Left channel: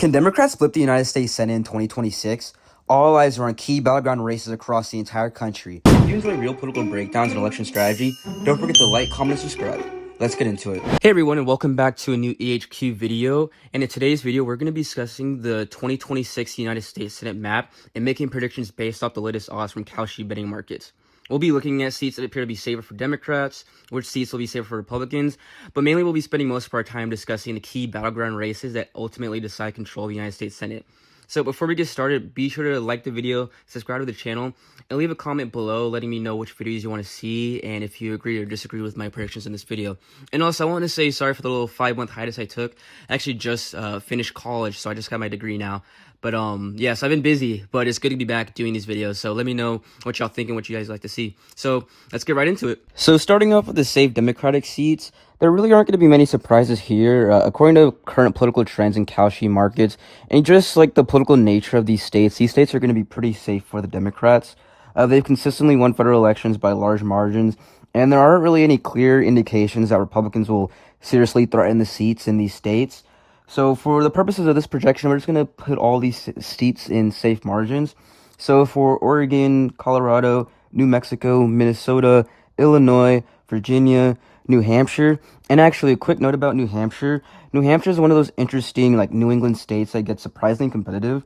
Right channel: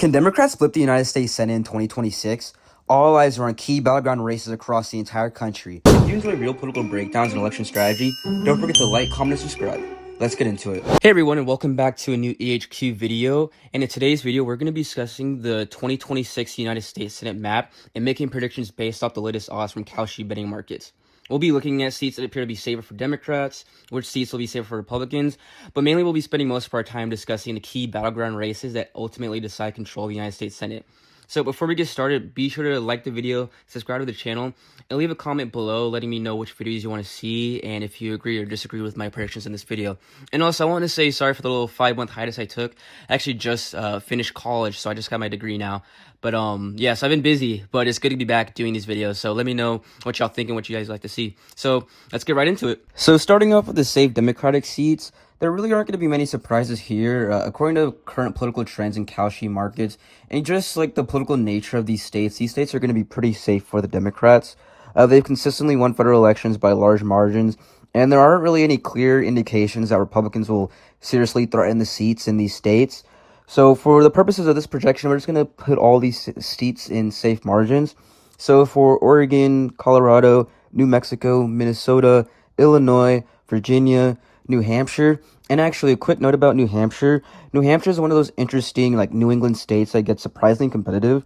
Can Democrats flip the United States Senate in 2026? All eyes are on key battleground races across the entire country. If you enjoy real political breakdowns and election strategy, don't forget to like, comment, and subscribe. Let's get into it. Hey everyone, and welcome back to a new EHQ video. And in today's video, we're going to be discussing the 2026 United States Senate map and making predictions based off the latest odds from Kalshi betting markets. We'll be looking at seats that appear to be safer for Democrats, which seats will be safer for Republicans, but mainly we'll be spending most of our time discussing the key battleground races that ultimately decide control of the United States Senate. So before we get started, be sure to like the video, subscribe to the channel, and leave a comment below letting me know which videos you want to see and if you agree or disagree with my predictions in this video. And also, I want to say sorry for the little 5-month hiatus I took. I actually just finished college, so I just got my degree now. But yeah, so I've been busy, but it's good to be back doing these videos. So let me know what y'all think and what you guys like to see. So let's get right into it. So starting off with the safe Democratic seats, there really aren't going to be many surprises here. According to current political trends in Kalshi markets, and just like the political nature of these states are going to be pretty safe for the Democrats. They've consistently won federal elections by large margins, and there aren't really any clear indications that Republicans will seriously threaten the seats in these states. So for the purposes of this projection, we're just going to put all these seats in safe margins. So for Oregon, Colorado, New Mexico, Minnesota, Illinois, Virginia, New Hampshire, and actually a quick note about New Hampshire. New Hampshire is one of those interesting like New England states that gets surprisingly competitive.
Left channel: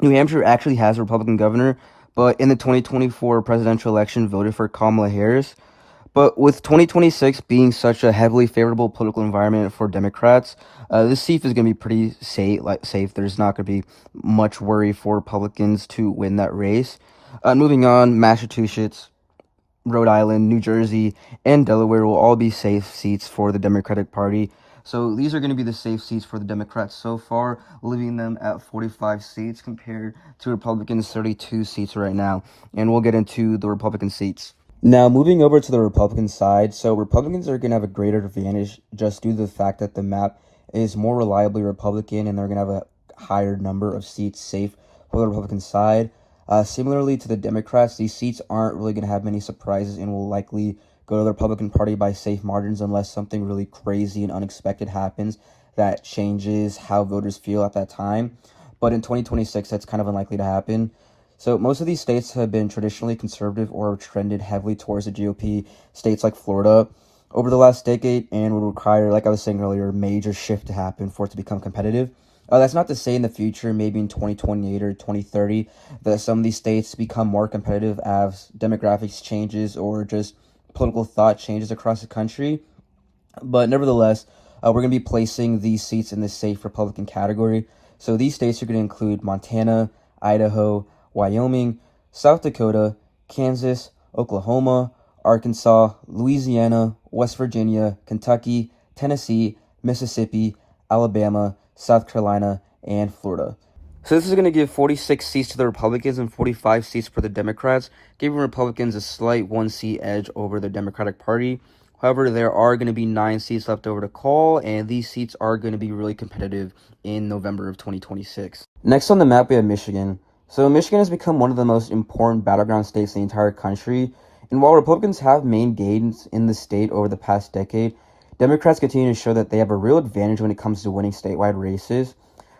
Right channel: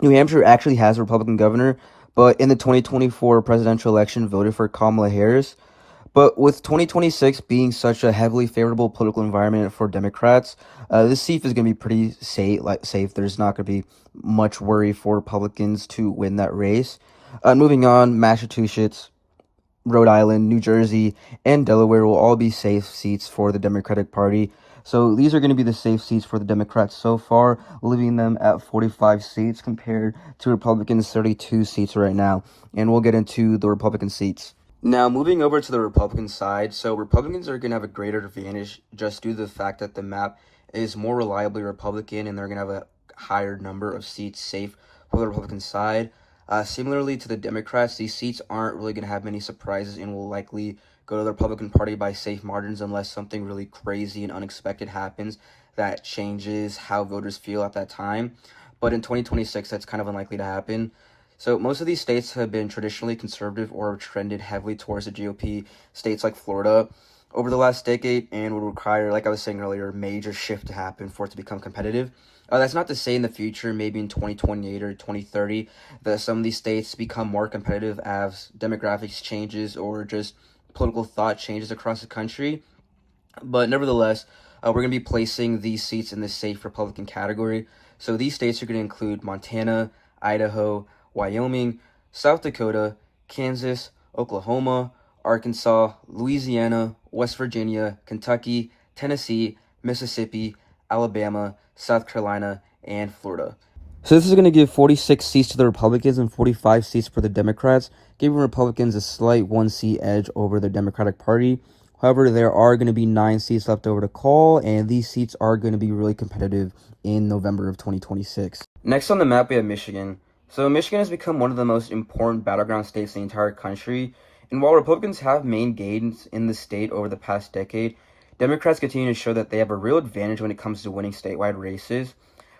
New Hampshire actually has a Republican governor, but in the 2024 presidential election voted for Kamala Harris. But with 2026 being such a heavily favorable political environment for Democrats, this seat is going to be pretty safe. There's not going to be much worry for Republicans to win that race. Moving on, Massachusetts, Rhode Island, New Jersey, and Delaware will all be safe seats for the Democratic Party. So these are going to be the safe seats for the Democrats so far, leaving them at 45 seats compared to Republicans' 32 seats right now. And we'll get into the Republican seats. Now, moving over to the Republican side, so Republicans are going to have a greater advantage just due to the fact that the map is more reliably Republican and they're going to have a higher number of seats safe for the Republican side. Similarly to the Democrats, these seats aren't really going to have many surprises and will likely go to the Republican Party by safe margins unless something really crazy and unexpected happens that changes how voters feel at that time. But in 2026, that's kind of unlikely to happen. So most of these states have been traditionally conservative or trended heavily towards the GOP, states like Florida, over the last decade, and would require, like I was saying earlier, a major shift to happen for it to become competitive. That's not to say in the future, maybe in 2028 or 2030, that some of these states become more competitive as demographics changes or just political thought changes across the country. But nevertheless, we're going to be placing these seats in the safe Republican category. So these states are going to include Montana, Idaho, Wyoming, South Dakota, Kansas, Oklahoma, Arkansas, Louisiana, West Virginia, Kentucky, Tennessee, Mississippi, Alabama, South Carolina, and Florida. So this is going to give 46 seats to the Republicans and 45 seats for the Democrats, giving Republicans a slight 1-seat edge over the Democratic Party. However, there are going to be 9 seats left over to call, and these seats are going to be really competitive in November of 2026. Next on the map, we have Michigan. So Michigan has become one of the most important battleground states in the entire country, and while Republicans have made gains in the state over the past decade, Democrats continue to show that they have a real advantage when it comes to winning statewide races.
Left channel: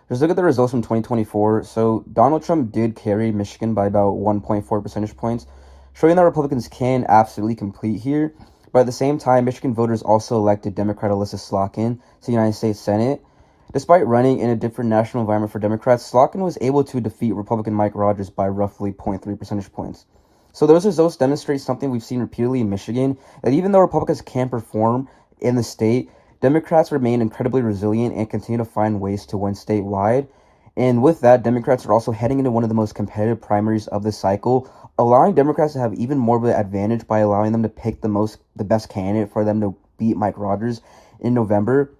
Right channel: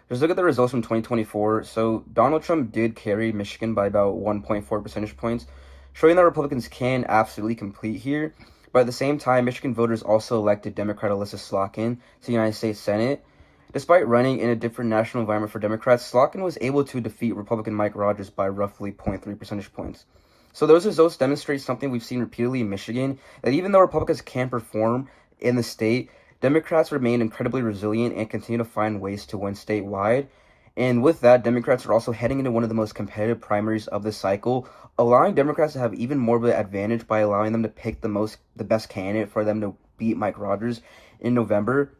Just look at the results from 2024. So Donald Trump did carry Michigan by about 1.4 percentage points, showing that Republicans can absolutely compete here. But at the same time, Michigan voters also elected Democrat Alyssa Slotkin to the United States Senate. Despite running in a different national environment for Democrats, Slotkin was able to defeat Republican Mike Rogers by roughly 0.3 percentage points. So those results demonstrate something we've seen repeatedly in Michigan, that even though Republicans can perform in the state, Democrats remain incredibly resilient and continue to find ways to win statewide. And with that, Democrats are also heading into one of the most competitive primaries of the cycle, allowing Democrats to have even more of an advantage by allowing them to pick the best candidate for them to beat Mike Rogers in November.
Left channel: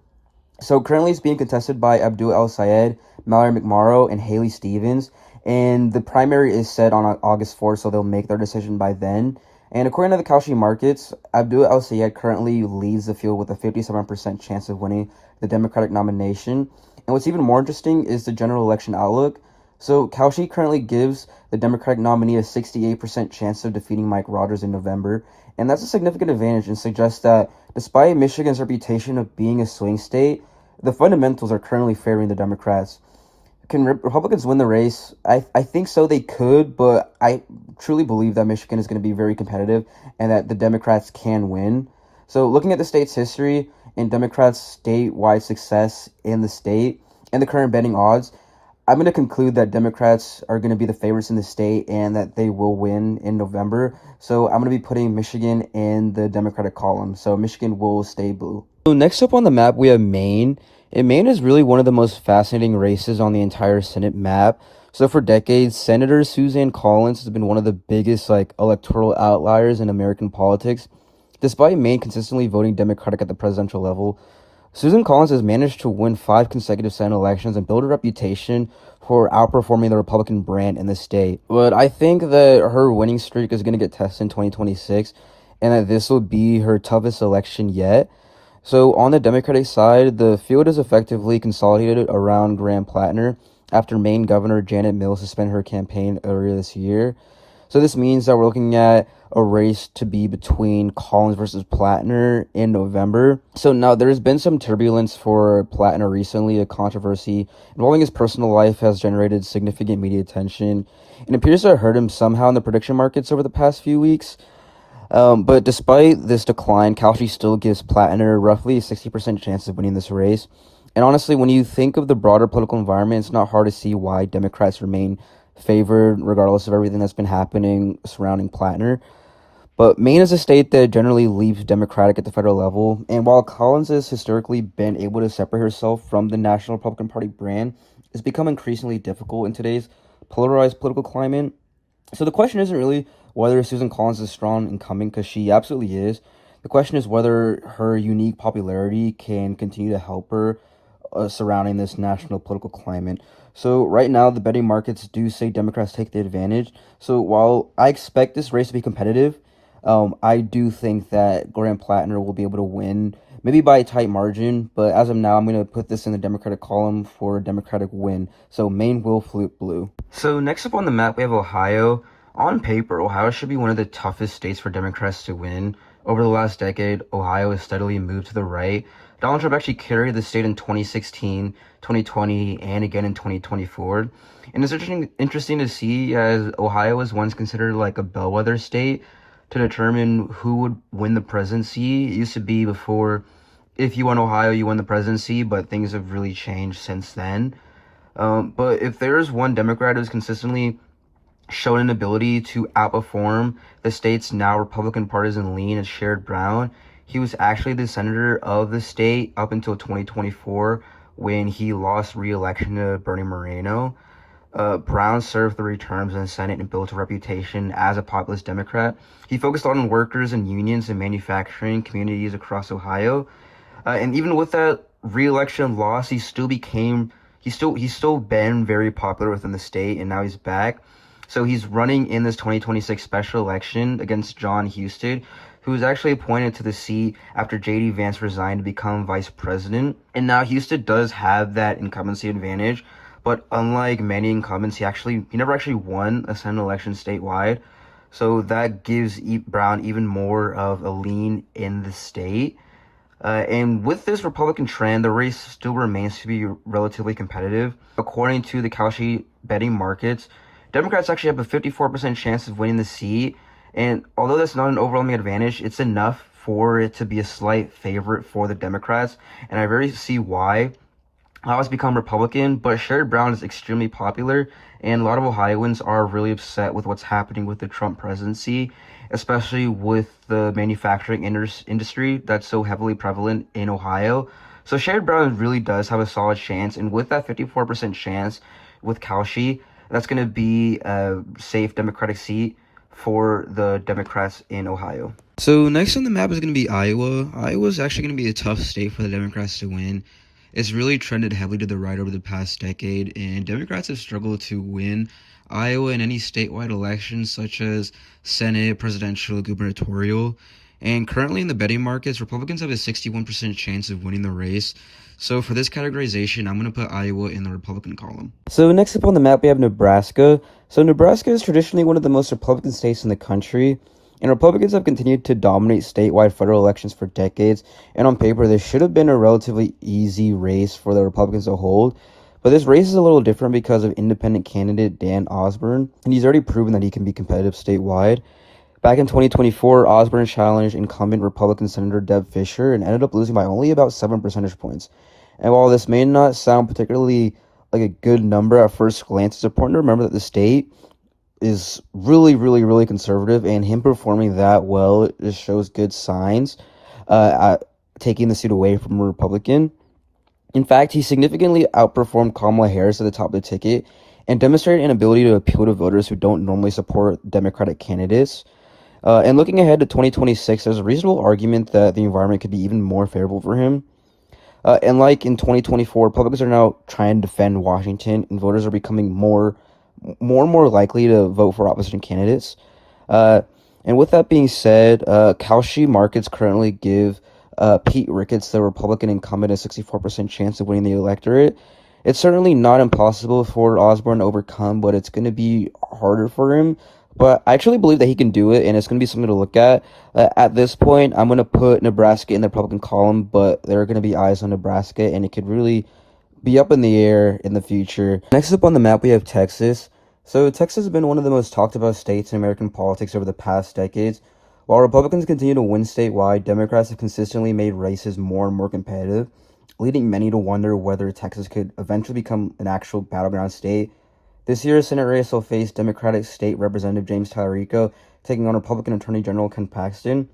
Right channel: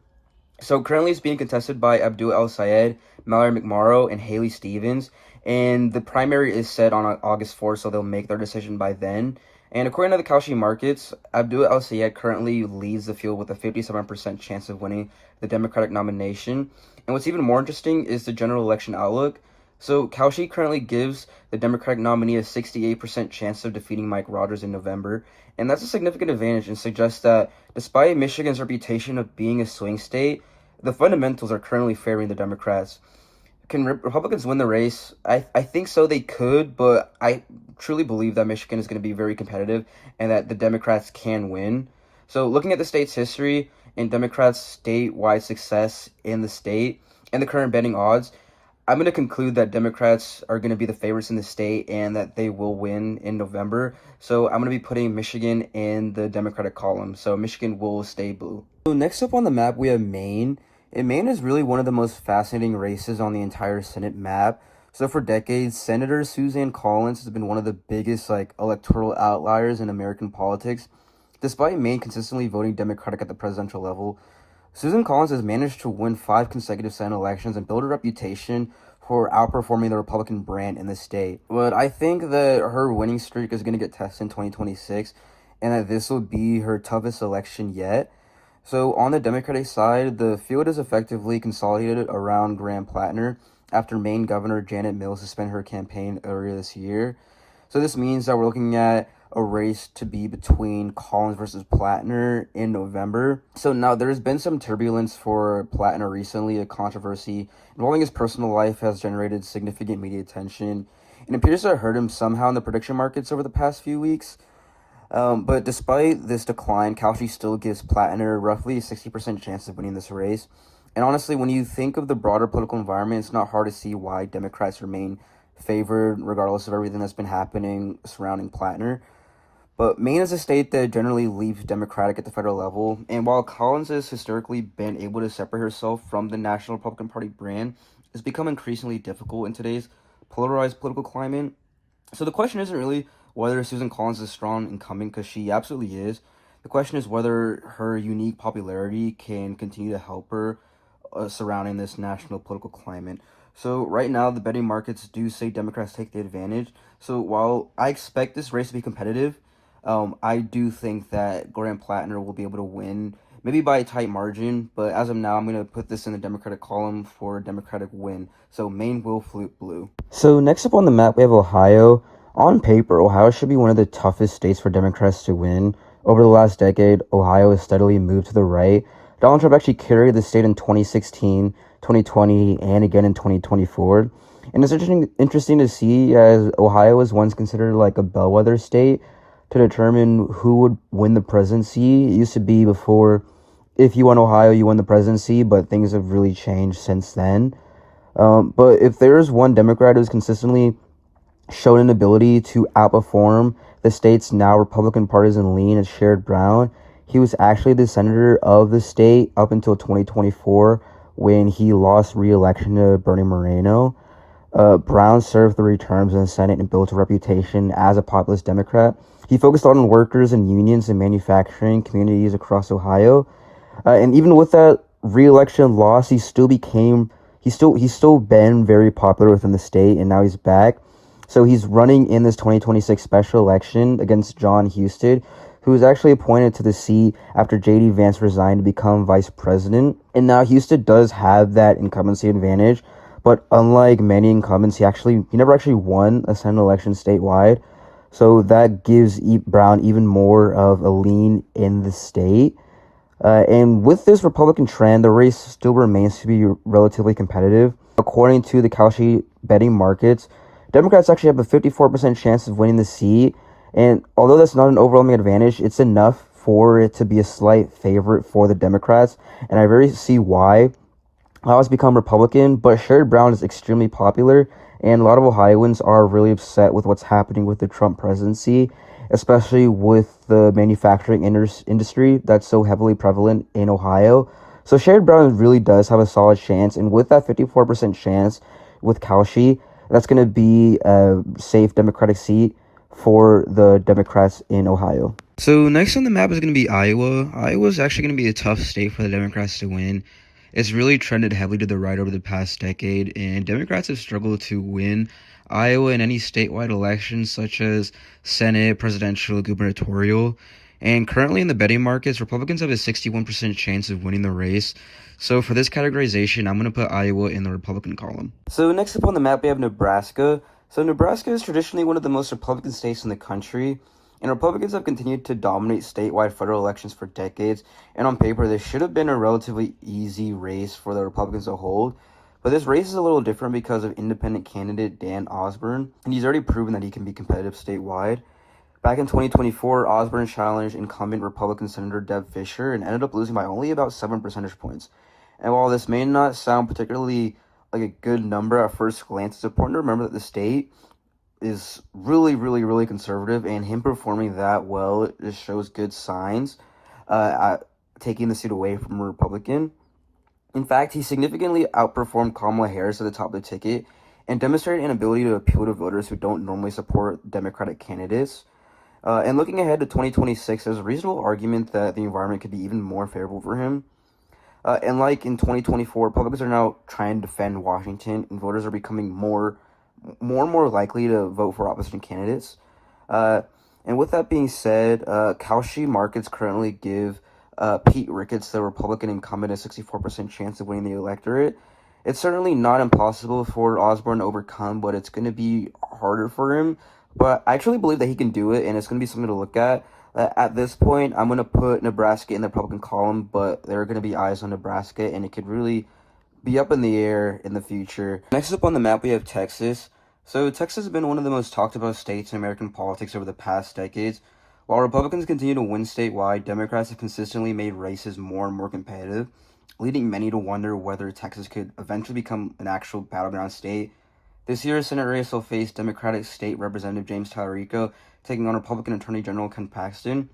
So currently it's being contested by Abdul El-Sayed, Mallory McMorrow, and Haley Stevens. And the primary is set on August 4th, so they'll make their decision by then. And according to the Kalshi markets, Abdul El-Sayed currently leads the field with a 57% chance of winning the Democratic nomination. And what's even more interesting is the general election outlook. So Kalshi currently gives the Democratic nominee a 68% chance of defeating Mike Rogers in November. And that's a significant advantage and suggests that despite Michigan's reputation of being a swing state, the fundamentals are currently favoring the Democrats. Can Republicans win the race? I think so. They could, but I truly believe that Michigan is going to be very competitive and that the Democrats can win. So, looking at the state's history and Democrats' statewide success in the state and the current betting odds, I'm going to conclude that Democrats are going to be the favorites in the state and that they will win in November. So, I'm going to be putting Michigan in the Democratic column. So, Michigan will stay blue. So, next up on the map, we have Maine. And Maine is really one of the most fascinating races on the entire Senate map. So for decades, Senator Suzanne Collins has been one of the biggest electoral outliers in American politics. Despite Maine consistently voting Democratic at the presidential level, Susan Collins has managed to win 5 consecutive Senate elections and build a reputation for outperforming the Republican brand in the state. But I think that her winning streak is going to get tested in 2026 and that this will be her toughest election yet. So on the Democratic side, the field is effectively consolidated around Graham Plattner after Maine Governor Janet Mills suspended her campaign earlier this year. So this means that we're looking at a race to be between Collins versus Plattner in November. So now there's been some turbulence for Plattner recently. A controversy involving his personal life has generated significant media attention and appears to have hurt him somehow in the prediction markets over the past few weeks. But despite this decline, Kalshi still gives Plattner roughly a 60% chance of winning this race. And honestly, when you think of the broader political environment, it's not hard to see why Democrats remain favored regardless of everything that's been happening surrounding Plattner. But Maine is a state that generally leaves Democratic at the federal level. And while Collins has historically been able to separate herself from the National Republican Party brand, it's become increasingly difficult in today's polarized political climate. So the question isn't really whether Susan Collins is a strong incumbent, because she absolutely is. The question is whether her unique popularity can continue to help her surrounding this national political climate. So right now, the betting markets do say Democrats take the advantage. So while I expect this race to be competitive, I do think that Graham Plattner will be able to win, maybe by a tight margin. But as of now, I'm going to put this in the Democratic column for a Democratic win. So Maine will flip blue. So next up on the map, we have Ohio. On paper, Ohio should be one of the toughest states for Democrats to win. Over the last decade, Ohio has steadily moved to the right. Donald Trump actually carried the state in 2016, 2020, and again in 2024. And it's interesting to see, as Ohio was once considered like a bellwether state to determine who would win the presidency. It used to be before, if you won Ohio, you won the presidency, but things have really changed since then. But if there's one Democrat who's consistently shown an ability to outperform the state's now Republican partisan lean, as Sherrod Brown, he was actually the senator of the state up until 2024 when he lost re-election to Bernie Moreno. Brown served 3 terms in the Senate and built a reputation as a populist Democrat. He focused on workers and unions and manufacturing communities across Ohio. And even with that re-election loss, he's still been very popular within the state, and now he's back. So he's running in this 2026 special election against John Husted, who was actually appointed to the seat after J.D. Vance resigned to become vice president. And now Husted does have that incumbency advantage, but unlike many incumbents, he never actually won a Senate election statewide. So that gives Brown even more of a lean in the state. And with this Republican trend, the race still remains to be relatively competitive. According to the Kalshi betting markets, Democrats actually have a 54% chance of winning the seat, and although that's not an overwhelming advantage, it's enough for it to be a slight favorite for the Democrats, and I very see why. Ohio's become Republican, but Sherrod Brown is extremely popular, and a lot of Ohioans are really upset with what's happening with the Trump presidency, especially with the manufacturing industry that's so heavily prevalent in Ohio. So Sherrod Brown really does have a solid chance, and with that 54% chance with Kalshi, that's going to be a safe Democratic seat for the Democrats in Ohio. So next on the map is going to be Iowa. Iowa is actually going to be a tough state for the Democrats to win. It's really trended heavily to the right over the past decade, and Democrats have struggled to win Iowa in any statewide elections such as Senate, presidential, gubernatorial. And currently in the betting markets, Republicans have a 61% chance of winning the race. So for this categorization, I'm going to put Iowa in the Republican column. So next up on the map, we have Nebraska. So Nebraska is traditionally one of the most Republican states in the country, and Republicans have continued to dominate statewide federal elections for decades. And on paper, this should have been a relatively easy race for the Republicans to hold. But this race is a little different because of independent candidate Dan Osborne, and he's already proven that he can be competitive statewide. Back in 2024, Osborne challenged incumbent Republican Senator Deb Fischer and ended up losing by only about 7 percentage points. And while this may not sound particularly like a good number at first glance, it's important to remember that the state is really conservative, and him performing that well just shows good signs at taking the seat away from a Republican. In fact, he significantly outperformed Kamala Harris at the top of the ticket and demonstrated an ability to appeal to voters who don't normally support Democratic candidates. And looking ahead to 2026, there's a reasonable argument that the environment could be even more favorable for him. And like in 2024, Republicans are now trying to defend Washington, and voters are becoming more and more likely to vote for opposition candidates. And with that being said, Kalshi markets currently give Pete Ricketts, the Republican incumbent, a 64% chance of winning the electorate. It's certainly not impossible for Osborne to overcome, but it's going to be harder for him. But I actually believe that he can do it, and it's going to be something to look at. At this point, I'm going to put Nebraska in the Republican column, but there are going to be eyes on Nebraska, and it could really be up in the air in the future. Next up on the map, we have Texas. So Texas has been one of the most talked about states in American politics over the past decades. While Republicans continue to win statewide, Democrats have consistently made races more and more competitive, leading many to wonder whether Texas could eventually become an actual battleground state. This year's Senate race will face Democratic State Representative James Tallarico taking on Republican Attorney General Ken Paxton.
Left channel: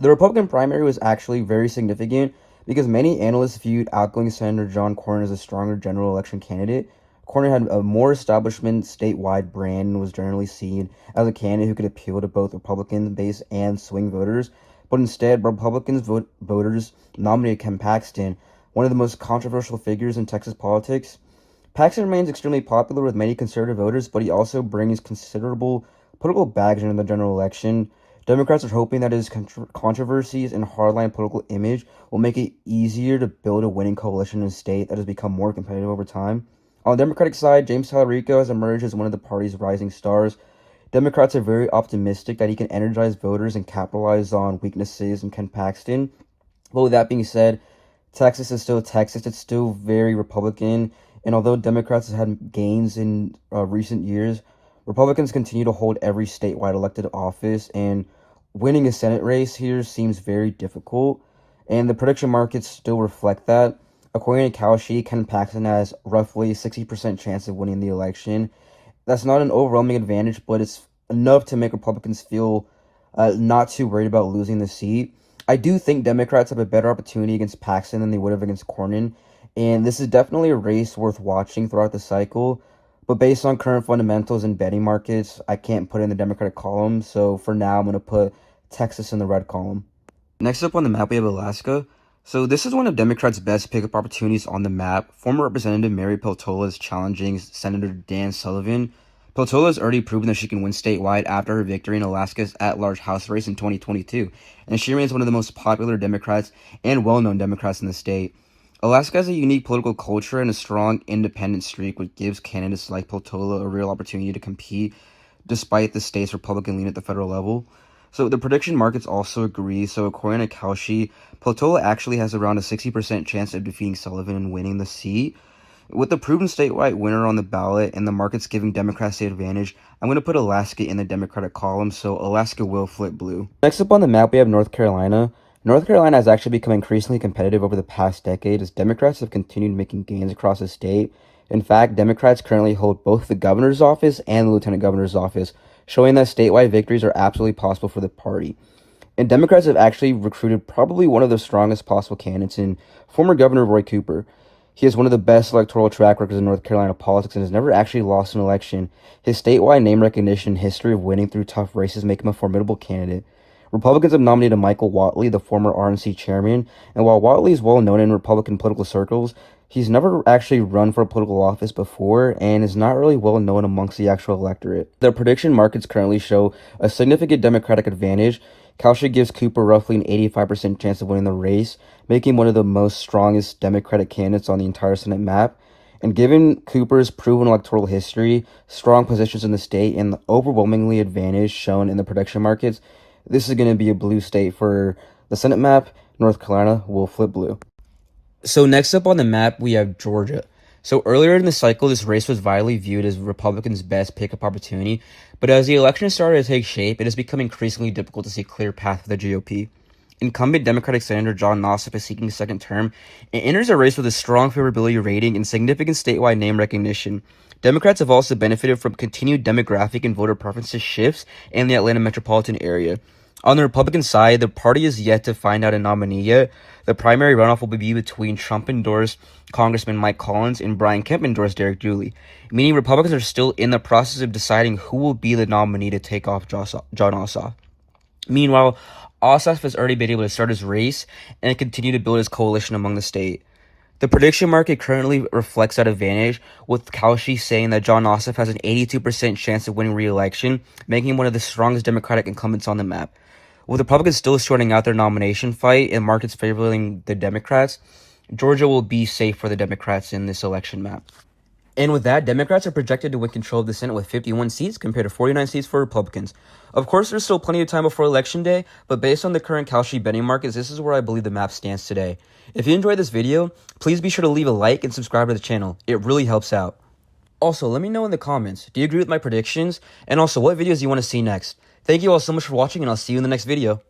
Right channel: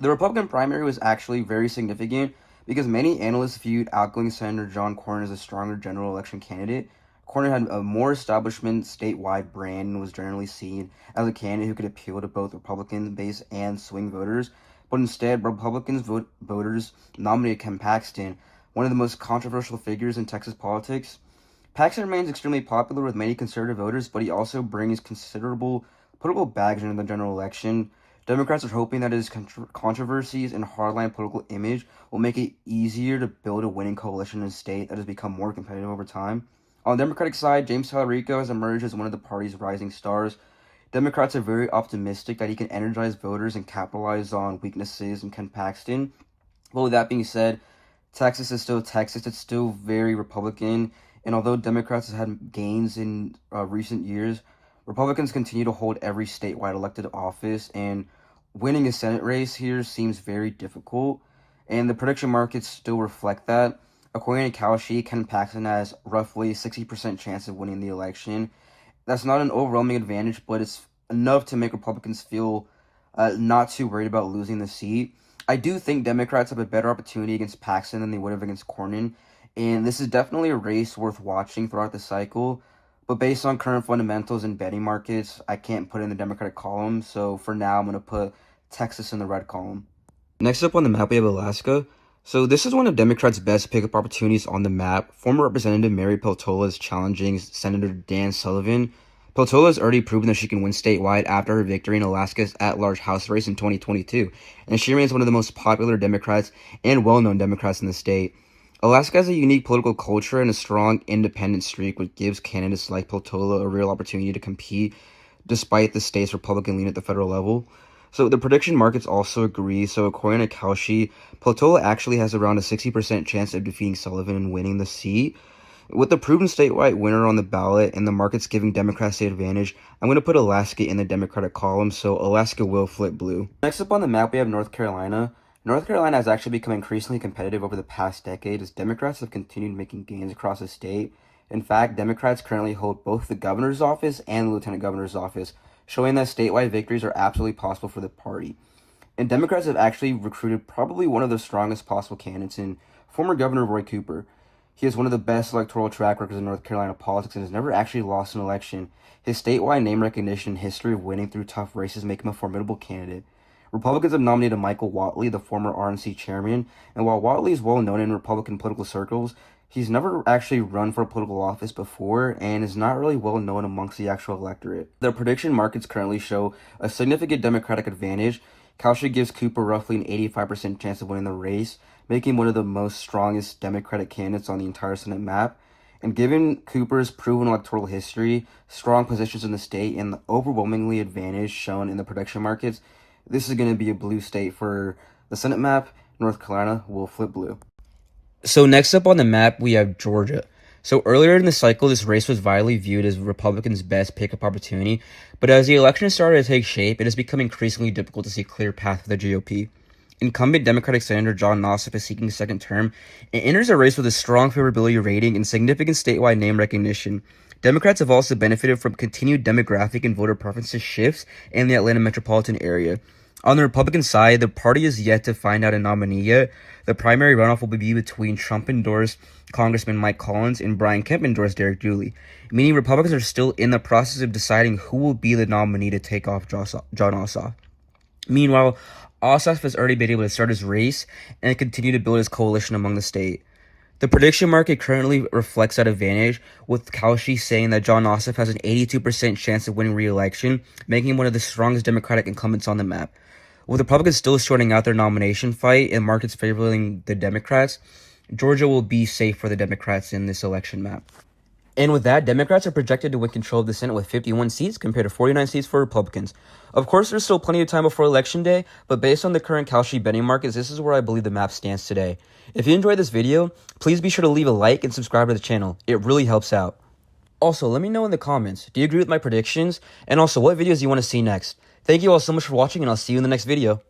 The Republican primary was actually very significant because many analysts viewed outgoing Senator John Cornyn as a stronger general election candidate. Cornyn had a more establishment statewide brand and was generally seen as a candidate who could appeal to both Republican base and swing voters. But instead, voters nominated Ken Paxton, one of the most controversial figures in Texas politics. Paxton remains extremely popular with many conservative voters, but he also brings considerable political baggage into the general election. Democrats are hoping that his controversies and hardline political image will make it easier to build a winning coalition in a state that has become more competitive over time. On the Democratic side, James Tallarico has emerged as one of the party's rising stars. Democrats are very optimistic that he can energize voters and capitalize on weaknesses in Ken Paxton. But with that being said, Texas is still Texas. It's still very Republican. And although Democrats have had gains in recent years, Republicans continue to hold every statewide elected office, and winning a Senate race here seems very difficult. And the prediction markets still reflect that. According to Kalshi, Ken Paxton has roughly 60% chance of winning the election. That's not an overwhelming advantage, but it's enough to make Republicans feel not too worried about losing the seat. I do think Democrats have a better opportunity against Paxton than they would have against Cornyn. And this is definitely a race worth watching throughout the cycle. But based on current fundamentals and betting markets, I can't put in the Democratic column. So for now, I'm going to put Texas in the red column. Next up on the map, we have Alaska. So this is one of Democrats' best pickup opportunities on the map. Former Representative Mary Peltola is challenging Senator Dan Sullivan. Peltola has already proven that she can win statewide after her victory in Alaska's at-large House race in 2022. And she remains one of the most popular Democrats and well-known Democrats in the state. Alaska has a unique political culture and a strong independent streak, which gives candidates like Peltola a real opportunity to compete despite the state's Republican lean at the federal level. So the prediction markets also agree. So according to Kalshi, Peltola actually has around a 60% chance of defeating Sullivan and winning the seat. With the proven statewide winner on the ballot and the markets giving Democrats the advantage, I'm going to put Alaska in the Democratic column, so Alaska will flip blue. Next up on the map, we have North Carolina. North Carolina has actually become increasingly competitive over the past decade as Democrats have continued making gains across the state. In fact, Democrats currently hold both the governor's office and the lieutenant governor's office, showing that statewide victories are absolutely possible for the party. And Democrats have actually recruited probably one of the strongest possible candidates in former Governor Roy Cooper. He has one of the best electoral track records in North Carolina politics and has never actually lost an election. His statewide name recognition and history of winning through tough races make him a formidable candidate. Republicans have nominated Michael Whatley, the former RNC chairman, and while Whatley is well known in Republican political circles, he's never actually run for a political office before and is not really well known amongst the actual electorate. The prediction markets currently show a significant Democratic advantage. Kalshi gives Cooper roughly an 85% chance of winning the race, making him one of the most strongest Democratic candidates on the entire Senate map. And given Cooper's proven electoral history, strong positions in the state, and the overwhelmingly advantage shown in the prediction markets, this is going to be a blue state for the Senate map. North Carolina will flip blue. So next up on the map, we have Georgia. So earlier in the cycle, this race was widely viewed as Republicans' best pickup opportunity, but as the election started to take shape, it has become increasingly difficult to see a clear path for the GOP. Incumbent Democratic Senator John Ossoff is seeking a second term and enters a race with a strong favorability rating and significant statewide name recognition. Democrats have also benefited from continued demographic and voter preferences shifts in the Atlanta metropolitan area. On the Republican side, the party is yet to find out a nominee yet. The primary runoff will be between Trump-endorsed Congressman Mike Collins and Brian Kemp-endorsed Derek Dooley, meaning Republicans are still in the process of deciding who will be the nominee to take off John Ossoff. Meanwhile, Ossoff has already been able to start his race and continue to build his coalition among the state. The prediction market currently reflects that advantage, with Kalshi saying that John Ossoff has an 82% chance of winning re-election, making him one of the strongest Democratic incumbents on the map. With Republicans still sorting out their nomination fight and markets favoring the Democrats, Georgia will be safe for the Democrats in this election map. And with that, Democrats are projected to win control of the Senate with 51 seats compared to 49 seats for Republicans. Of course, there's still plenty of time before Election Day, but based on the current Kalshi betting markets, this is where I believe the map stands today. If you enjoyed this video, please be sure to leave a like and subscribe to the channel. It really helps out. Also, let me know in the comments, do you agree with my predictions? And also, what videos do you want to see next? Thank you all so much for watching, and I'll see you in the next video.